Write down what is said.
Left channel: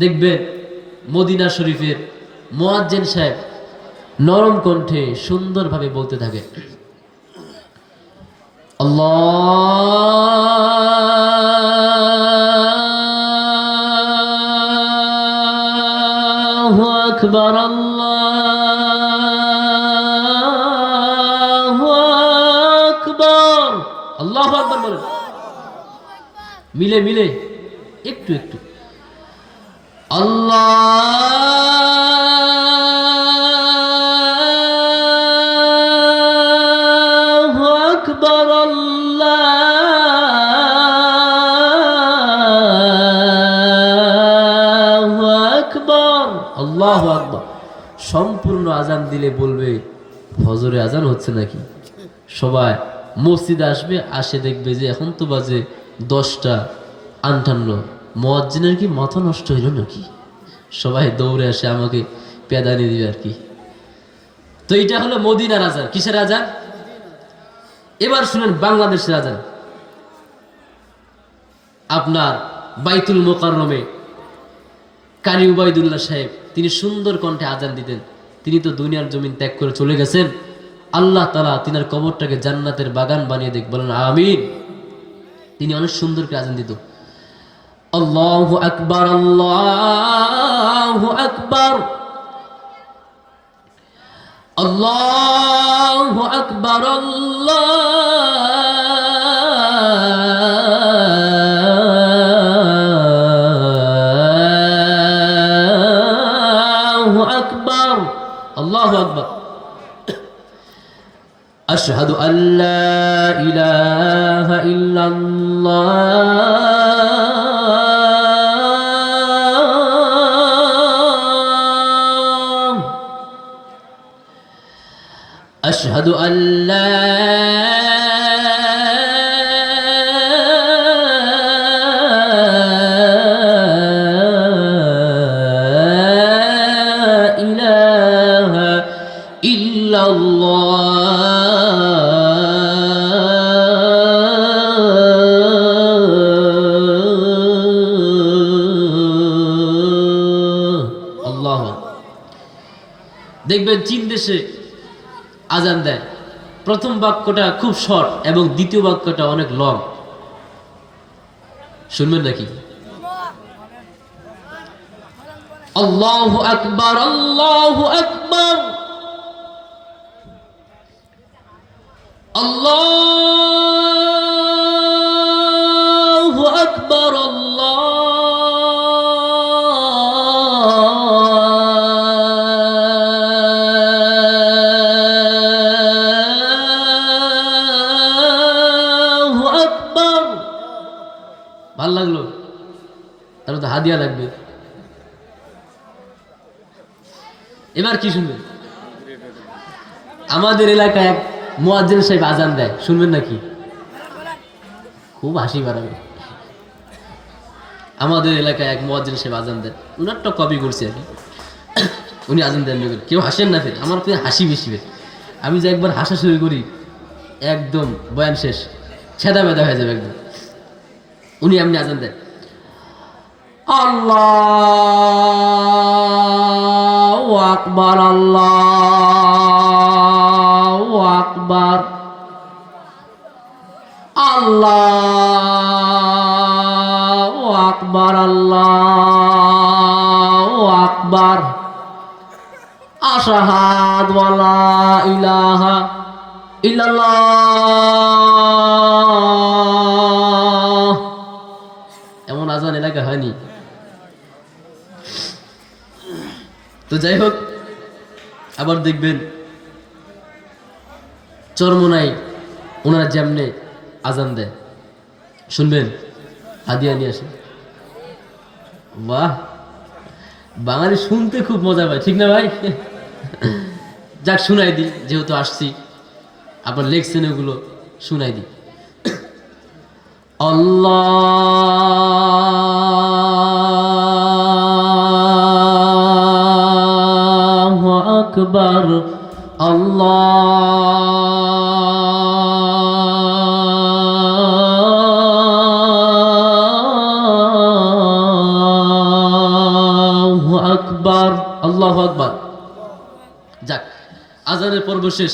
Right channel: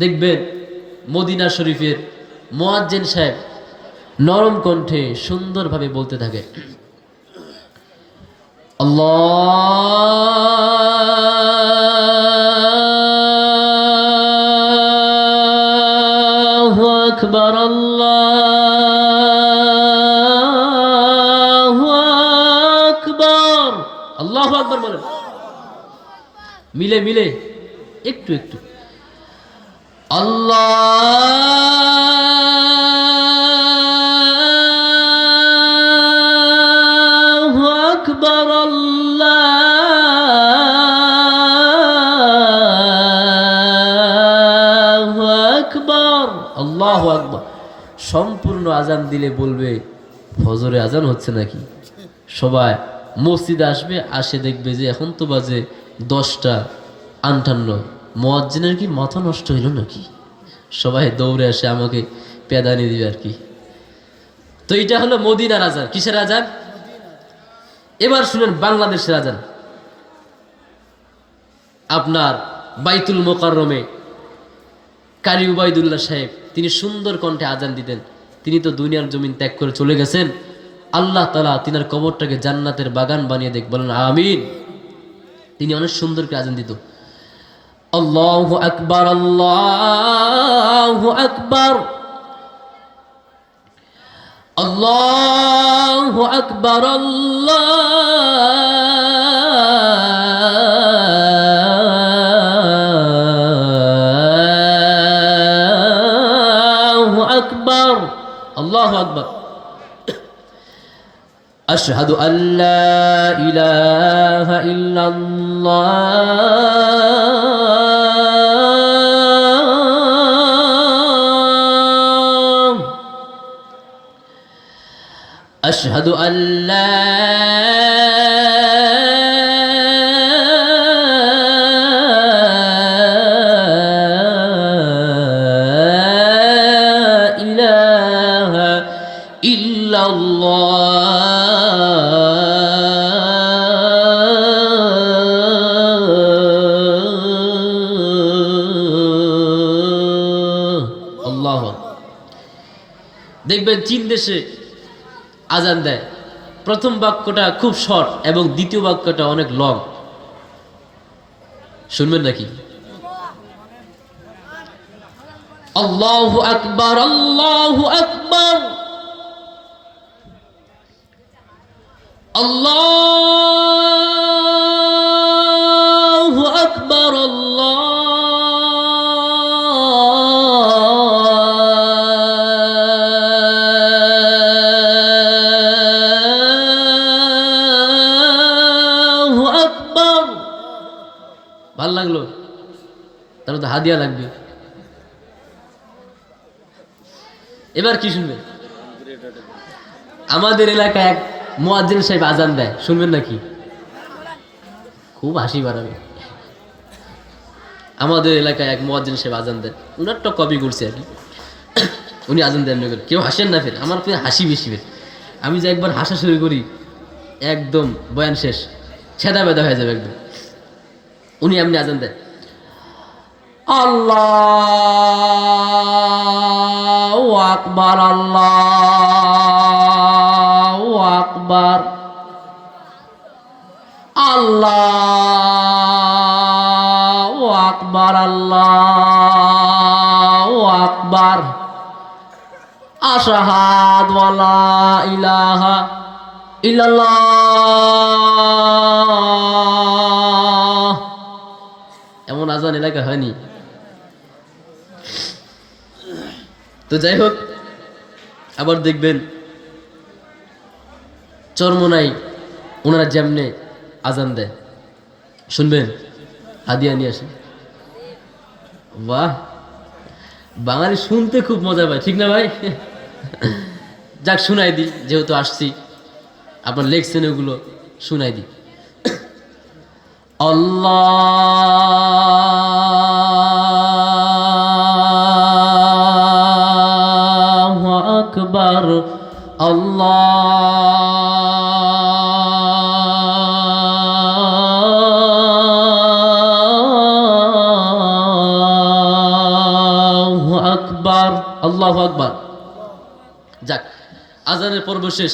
দেখবেন মদিনা শরীফের মুয়াজ্জিন সাহেব নরম কণ্ঠে সুন্দরভাবে বলতে থাকে, আল্লাহু আকবার, আল্লাহু আকবার। আল্লাহু আকবার বলেন, মিলে মিলে একটু একটু। আল্লাহু আকবার, আল্লাহু আকবার, আল্লাহু আকবার। সম্পূর্ণ আজান দিলে বলবে ফজরে আজান হচ্ছে নাকি। সবাই মসজিদে আসবে, আসে দেখবে যে এখন তো বাজে 10টা 58। মুয়াজ্জিনের কি মাথা নষ্ট হইল নাকি। সবাই দৌড়ে আসে আমাকে পেদানি দিবে আর কি। তো এটা হলো মদিনার আজান। কিসের আজান? এবার শুনেন বাংলাদেশের আজান। আপনার বাইতুল মোকাররমে কারি উবাইদুল্লাহ সাহেব তিনি সুন্দর কণ্ঠে আজান দিতেন। তিনি তো দুনিয়ার জমিন ত্যাগ করে চলে গেছেন। আল্লাহ তাআলা তিনার কবরটাকে জান্নাতের বাগান বানিয়ে দেখ, বলেন আমিন। তিনি অনেক সুন্দর করে আজান দিত। আল্লাহু আকবার, আল্লাহু আকবার, আল্লাহু আকবার, আল্লাহু আকবার, আল্লাহু আকবার। আশহাদু আল্লা ইলাহা ইল্লাল্লাহ, আশহাদু আল্লা ইলাহা ইল্লাল্লাহ। আল্লাহ। দেখবেন চীন দেশে আজান দেয়, প্রথম বাক্যটা খুব শর্ট এবং দ্বিতীয় বাক্যটা অনেক লং। শুনবেন নাকি? আল্লাহু আকবার, আল্লাহু আকবার, আল্লাহু আকবার, আল্লাহু আকবার। ভাল লাগলো? তাহলে তো হাদিয়া লাগবে। এবার কি শুনবেন? আমাদের এলাকায় এক মুয়াজ্জিন সাহেব আজান দেয়, শুনবেন নাকি? খুব হাসি বাড়াবে। আমাদের এলাকায় এক মুয়াজ্জিন সাহেব আজান দেন, উনারটা কপি করছে আর কি। উনি আজান দেন না, কেউ হাসেন না, ফের আমার ফের হাসি বেশি ফের। আমি যে একবার হাসা শুরু করি একদম বয়ান শেষ, ছেদা বেদা হয়ে যাবে একদম। উনি এমনি আজান দেন, আল্লাহু আকবার, আল্লাহু আকবার, আল্লাহু আকবার, আল্লাহু আকবার, আশহাদু আল্লা ইলাহা ইল্লাল্লাহ। এমন আজান এলাকা হয়নি। তো যাই হোক, আবার দেখবেন চরমোনাই ওনারা যেমনে আজান দেয়, শুনবেন? হাদিয়া নিয়ে আসে। বাহ, বাঙালি শুনতে খুব মজা পায়, ঠিক না ভাই? যাক, শুনাই দিই, যেহেতু আসছি, আপনার লেখছেন ওগুলো শুনাই দিই। আল্লাহু আকবার, আল্লাহু আকবার, আল্লাহু আকবার। যাক, আজানের পর্ব শেষ।